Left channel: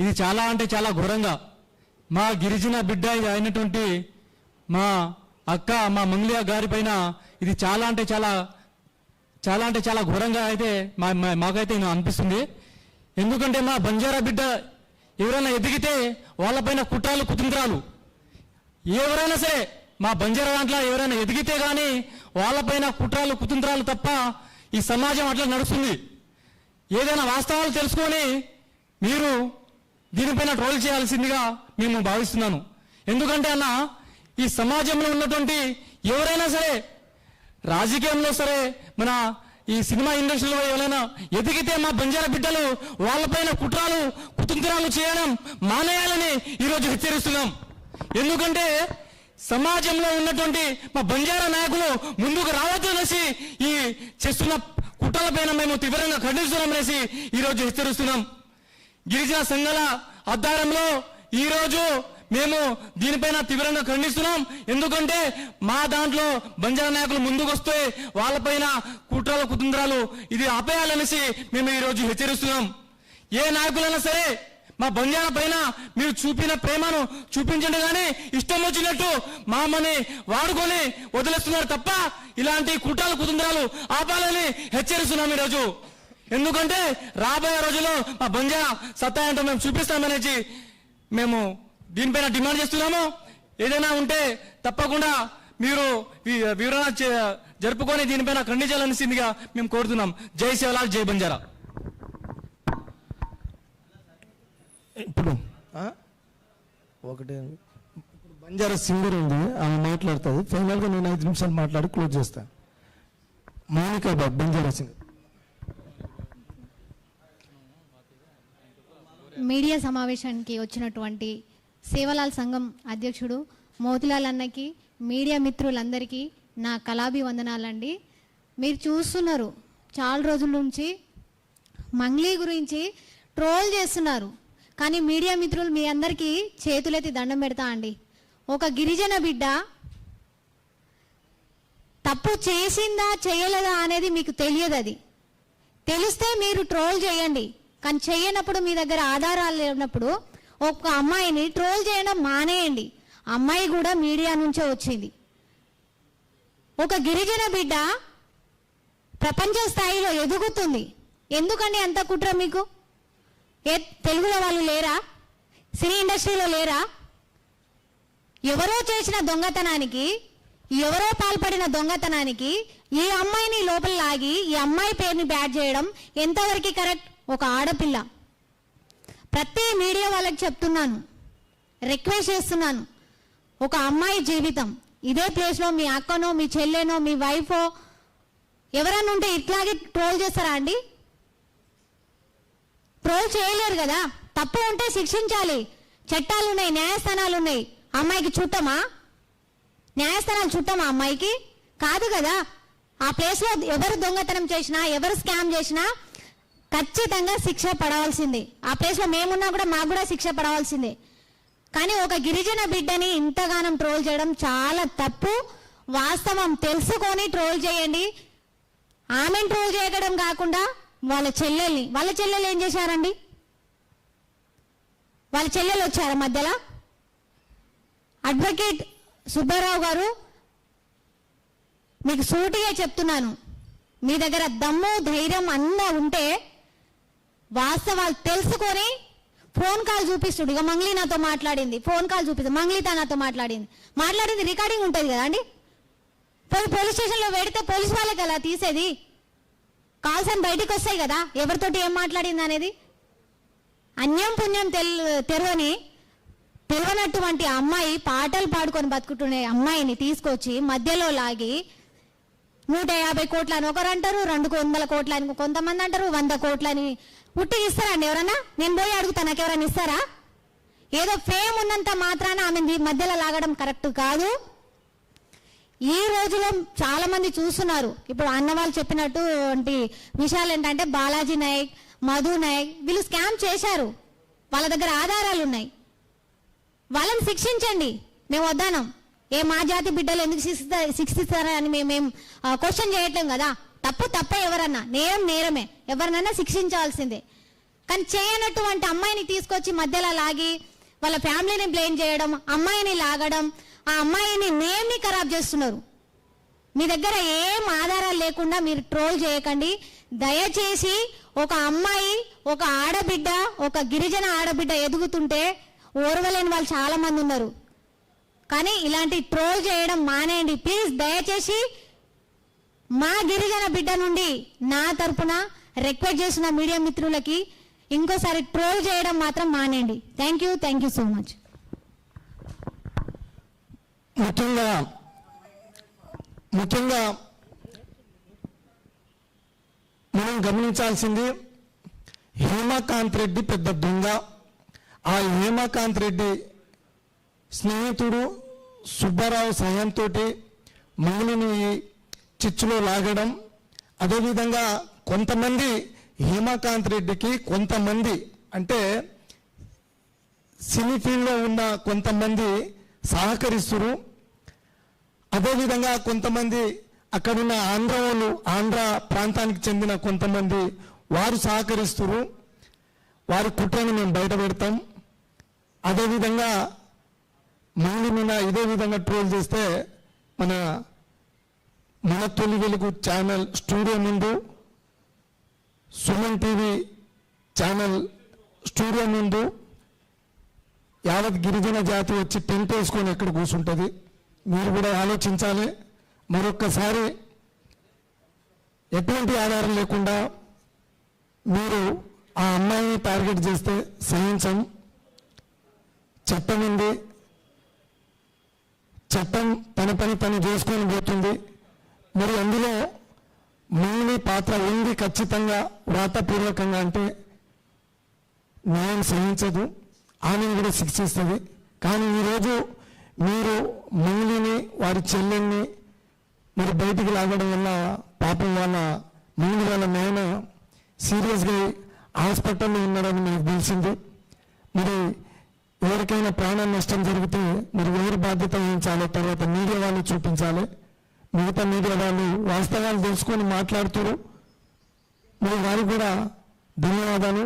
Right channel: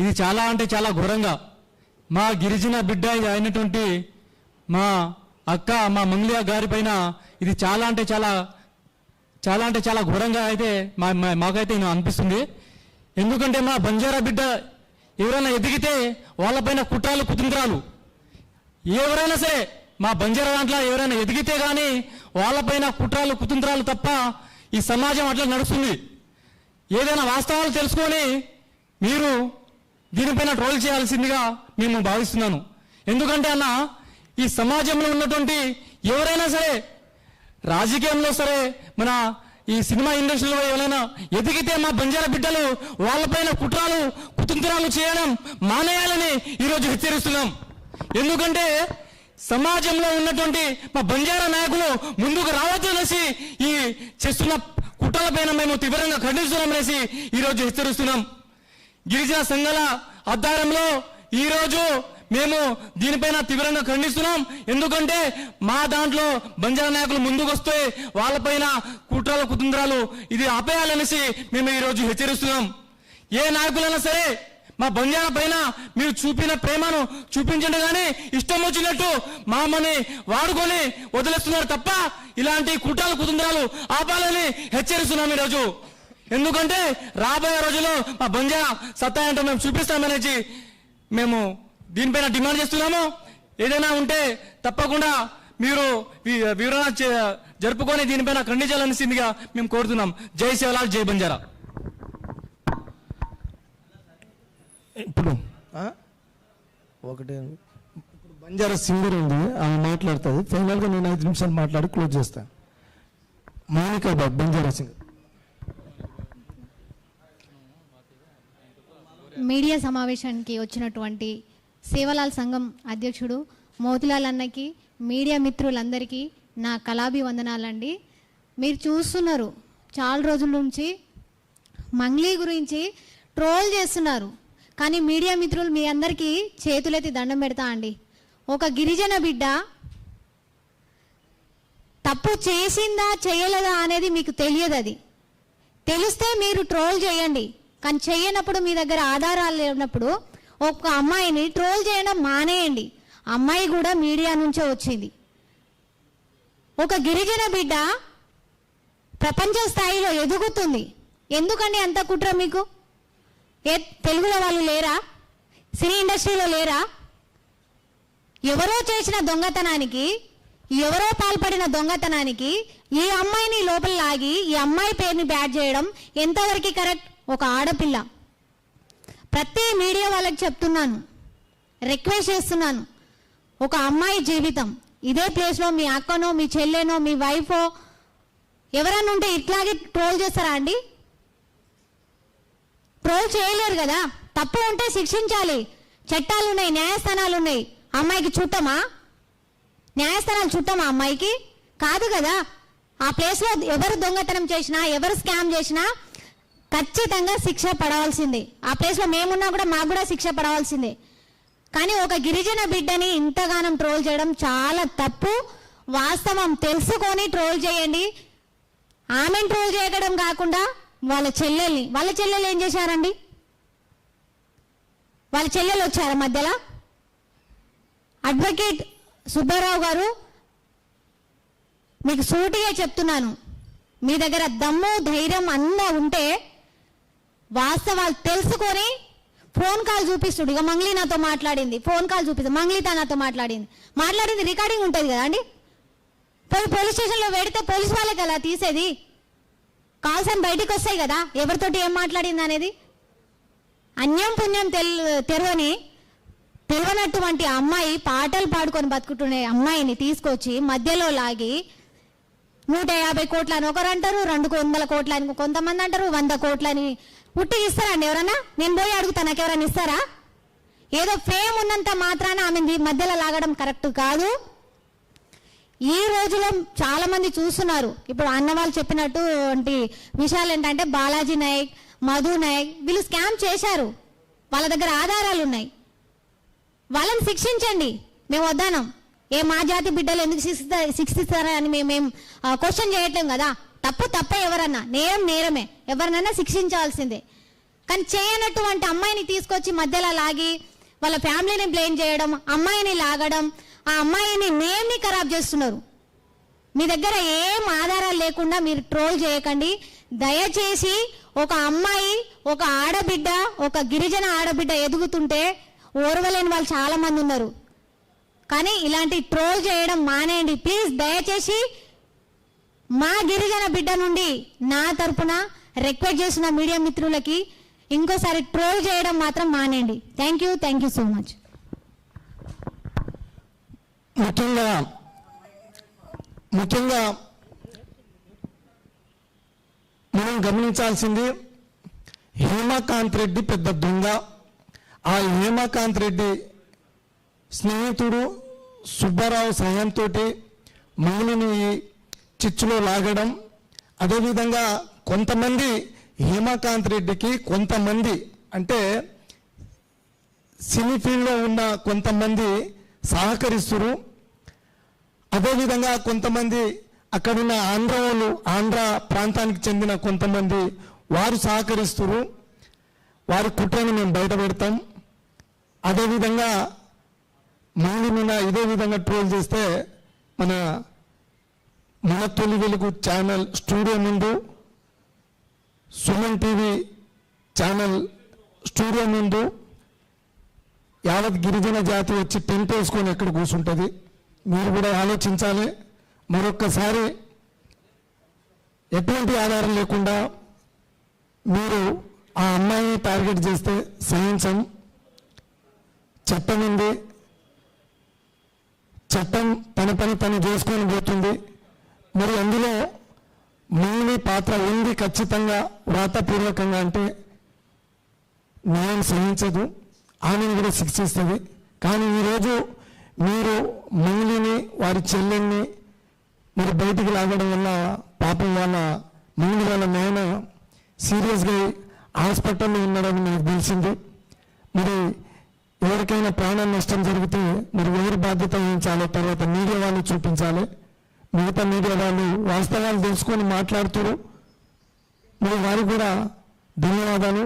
ఇది చాలా అంటే చాలా ఘోరంగా మా గిరిజన బిడ్డ అయినటువంటి మా అక్క మా మంగళ గారి పైన ఇది చాలా అంటే చాలా ఘోరంగా అయితే మాకైతే అనిపిస్తుంది. ఎందుకంటే మా బంజారా బిడ్డ ఎవరైనా ఎదిగితే వాళ్ళపైన కుట్రాలు కుతంత్రాలు, ఎవరైనా సరే మా బంజారా దాంట్లో ఎవరైనా ఎదిగితే కానీ వాళ్ళపైన కుట్రాలు కుతంత్రాలు తప్ప ఈ సమాజం అట్లా నడుస్తుంది. ఏదైనా వాస్తవాలు తెలుసుకొని మీరు దీనిపైన ట్రోల్ చేయాల్సిందిగా మేము భావిస్తున్నాను. ఎందుకంటే అన్న ఈ సమాజంలో ఉన్నటువంటి ఎవరైనా సరే, రాజకీయంలో సరే, మన ఈ సినిమా ఇండస్ట్రీలో ఎవరైనా ఎదిగితే మా బంజారా బిడ్డలు వాళ్ళపైన కుట్రాలు కుతంత్రాలు చేయడం మానేయాలని ఈరోజు హెచ్చరిస్తున్నాం. ఎందుకంటే సమాజంలో ఉన్నటువంటి మా బంజారా నాయకులు ముందుకు రావద్దనేసి ఈ చేస్తున్న కుట్రలపైన మేము తీవ్రంగా ఖండిస్తున్నామనేసి ఈరోజు హెచ్చరిస్తున్నాం. గిరిజన సంఘాల ఆధ్వర్యంలో ఈరోజు మేము దీనిపైన తీవ్రంగా ఖండిస్తున్నాం. ఎందుకంటే మా దాంట్లో బంజారా నాయకులు ముందుకు వస్తే వాళ్ళపైన కుట్రల కుతంత్రాలు ఇది ఆపేయాలనేసి మేము ఈరోజు హెచ్చరిస్తున్నాం. ఏ నాయకులైనా సరే మా బంజారా పైన మీరు చూపిన ప్రేమను చూపించండి, కానీ ఇష్టం వచ్చినట్టు మామని వాడుకొని వదిలేస్తున్నారు తప్ప ఇలాంటి కుట్రల కుతంత్రాలు ఆపాలని హెచ్చరిస్తున్నాం ఈరోజు. ఎందుకంటే రాబోయే రోజుల్లో మా బంజారా సత్తా ఏంటో మేము చూపిస్తామనేసి మేము దీనిపైన డిమాండ్ చేస్తున్నాము. ఏదైనా ఉంటే తప్పకుండా మీరు వివరణ జరుపుకొని దీనిపైన ఖండించాలనిసిందిగా మేము కోరుతున్నాం. జై శివలాల్, జై బంజారా. ఇప్పుడు ఒకటి బంజారా సింగర్ ఉంది, ఆమె మాట్లాడుతుంది. ఫైనల్ గా నేను 5 నిమిషాలు మాట్లాడి క్లోజ్ చేస్తాను. మౌనికా బాబు, బంజారా సింగర్. మీడియా సమావేశానికి వచ్చినటువంటి సేవలాల్ సంఘం అధ్యక్షుడు మోతిలాల్ అన్నకి, మీడియా మిత్రులందరికీ నా కళాభివందనాలండి. మీరు చూస్తున్నారు చాలా రోజుల నుంచి మంగ్లీ గురించి ట్రోల్ చేస్తున్నారు, కానీ మీడియా మిత్రులు మీ అందరికీ చేతులెత్తి దండం పెడతా అండి. ఒక గిరిజన బిడ్డ తప్పు చేసిందా చేయలేదా అనేది మీకు తెలియదు. అది తెలిస్తే మీరు ట్రోల్ చేయండి, కానీ చేయనప్పుడు మీ దగ్గర ఆధారాలు లేనప్పుడు ఒక అమ్మాయిని ట్రోల్ చేయడం మానేయండి. అమ్మాయి కూడా మీడియా నుంచే వచ్చింది. ఒక గిరిజన బిడ్డ ప్రపంచ స్థాయిలో ఎదుగుతుంది. ఎందుకండి అంత కుట్ర మీకు? తెలుగులో వాళ్ళు లేరా? సినీ ఇండస్ట్రీలో లేరా? ఎవరో చేసిన దొంగతనానికి, ఎవరో పాల్పడిన దొంగతనానికి ఈ అమ్మాయిని లోపల లాగి ఈ అమ్మాయి పేరుని బ్యాడ్ చేయడం ఎంతవరకు కరెక్ట్? ఒక ఆడపిల్ల. ప్రతి మీడియా వాళ్ళకి చెప్తున్నాను, రిక్వెస్ట్ చేస్తున్నాను, ఒక అమ్మాయి జీవితం ఇదే ప్లేస్ లో మీ అక్కనో మీ చెల్లెనో మీ వైఫో ఎవరైనా ఉంటే ఇట్లాగే ట్రోల్ చేస్తారా అండి? ట్రోల్ చేయలేరు కదా. తప్పు ఉంటే శిక్షించాలి. చట్టాలు ఉన్నాయి, న్యాయస్థానాలు ఉన్నాయి. అమ్మాయికి చుట్టమా? న్యాయస్థానాలు చుట్టమా అమ్మాయికి? కాదు కదా. ఆ ప్లేస్ లో ఎవరు దొంగతనం చేసినా, ఎవరు స్కామ్ చేసినా ఖచ్చితంగా శిక్ష పడవలసిందే. ఆ ప్లేస్ లో మేమున్నా కూడా మాకు కూడా శిక్ష పడవలసిందే. కానీ ఒక గిరిజన బిడ్డని ఇంతగానం ట్రోల్ చేయడం చాలా తప్పు. వాస్తవం తెలుసుకొని ట్రోల్ చేయండి. ఆమెను ట్రోల్ చేయడం కాకుండా వాళ్ళ చెల్లెలు ఏం చేశారండి? వాళ్ళ చెల్లెలు వచ్చారా మధ్యలో? అడ్వకేట్ సుబ్బారావు గారు, మీకు సూటిగా చెప్తున్నాను, మీ దగ్గర దమ్ము ధైర్యం అన్నా ఉంటే వాస్తవాలు తెలుసుకొని ఫోన్ కాల్ చూపిస్తుడు. ఇక మంగ్లీ నాతో మాట్లాడింది, ఫోన్ కాల్ చూపిస్తుంది. మంగ్లీతో నాతో మాట్లాడింది రికార్డింగ్ ఉంటుంది కదా అండి. పోలీస్ స్టేషన్ లో పెడితే పోలీస్ వాళ్ళకి అలా తీసేది. కాల్స్ అని బయటికి వస్తాయి కదా, ఎవరితోటి ఏం మాట్లాడింది అనేది. అన్యం పుణ్యం తెలియనటువంటి అమ్మాయి పాటలు పాడుకొని బతుకుతున్న అమ్మాయిని తీసుకొచ్చి మధ్యలో లాగి 150 కోట్లని ఒకరు అంటారు, 200 కోట్లని కొంతమంది అంటారు, 100 కోట్లని ఉట్టి ఇస్తారండి ఎవరన్నా? నేను పోయి అడుగుతా, నాకు ఎవరైనా ఇస్తారా? ఏదో ఫేమ్ ఉన్నంత మాత్రాన ఆమె మధ్యలో లాగడం కరెక్ట్ కాదు. ఈ రోజులో చాలా మంది చూస్తున్నారు. ఇప్పుడు అన్న వాళ్ళు చెప్పినట్టు విషయాలు ఏంటంటే బాలాజీ నాయక్, మధు నాయక్ వీళ్ళు స్కామ్ చేశారు. వాళ్ళ దగ్గర ఆధారాలు ఉన్నాయి. వాళ్ళని శిక్షించండి. మేము వద్దానం. మా జాతి బిడ్డలు ఎందుకు శిక్షిస్తారా అని మేమేం క్వశ్చన్ చేయట్లేం కదా. తప్ప ఎవరన్నా, నేరమే, ఎవరినైనా శిక్షించాల్సిందే. కానీ చేయనటువంటి అమ్మాయిని తీసుకొచ్చి తీసుకొచ్చి మధ్యలో లాగి వాళ్ళ ఫ్యామిలీని బ్లేమ్ చేయడం, అమ్మాయిని లాగడం, ఆ అమ్మాయిని నేమ్ని ఖరాబ్ చేస్తున్నారు. మీ దగ్గర ఏం ఆధారాలు లేకుండా మీరు ట్రోల్ చేయకండి. దయచేసి ఒక అమ్మాయి, ఒక ఆడబిడ్డ, ఒక గిరిజన ఆడబిడ్డ ఎదుగుతుంటే ఓర్వలేని వాళ్ళు చాలా మంది ఉన్నారు. కానీ ఇలాంటి ట్రోల్ చేయడం మానేయండి ప్లీజ్. దయచేసి మా గిరిజన బిడ్డ నుండి నా తరపున రిక్వెస్ట్ చేసిన మీడియా మిత్రులకి ఇంకోసారి ట్రోల్ చేయడం మాత్రం మానేయండి. Thank you so much. ముఖ్యంగా మనం గమనించాల్సింది, హేమకాంత్ రెడ్డి పెద్ద దొంగ. ఆ హేమకాంత్ రెడ్డి స్నేహితుడు సుబ్బారావు సహాయంతో మౌనిని చిచ్చులో లాగడం, అదేవిధంగా కొంతమంది హేమకాంత్ రెడ్డికి, కొంతమంది అంటే సినీ ఫీల్డ్లో ఉన్న కొంతమంది సహకరిస్తున్నారు. అదేవిధంగా కొంతమంది అక్కడున్న ఆంధ్ర ప్రాంతానికి చెందిన కొంతమంది వారు సహకరిస్తున్నారు. వారి కుట్రను మేము బయట పెడతాం. అదేవిధంగా ముందు మీద ఇదే విధంగా ట్రోల్ చేస్తే మన తొలి వెలుగు ఛానల్ స్టూడియో ముందు, సుమన్ టీవీ ఛానల్ స్టూడియో ముందు యావత్ గిరిజన జాతి వచ్చి టెంట్ వేసుకొని ఎక్కడ కూర్చుంటుంది. మీరు కూడా ఆలోచించాలి. మరొక్కసారి ఎటువంటి ఆధారం లేకుండా మీరు ఆ అమ్మాయిని టార్గెట్ చేస్తే సహించం. చట్టం ఉంది, చట్టం తన పని తను చేసుకొని పోతుంది. మరి అందులో మీ పాత్ర ఉంది ఖచ్చితంగా, వ్రాతపూర్వకంగా. అంటే న్యాయం సహించదు, ఆమెను కూడా శిక్షిస్తుంది. కానీ ఈరోజు మీరు మంగులిని, వారి చెల్లెల్ని మరి బయటికి లాగడం వల్ల పాపం వాళ్ళ మంగులి వాళ్ళ నాయన సీరియస్గా హాస్పిటల్లో ఉన్నాడని మనకు తెలిసింది. మరి ఎవరికైనా ప్రాణ నష్టం జరిగితే మరి ఎవరి బాధ్యత వహించాలో తర్వాత మీడియా వాళ్ళు చూపించాలి. మిగతా మీడియా వాళ్ళు వాస్తవాలు తెలుసుకొని మాట్లాడుతారు. మరి వారికి కూడా ధన్యవాదాలు.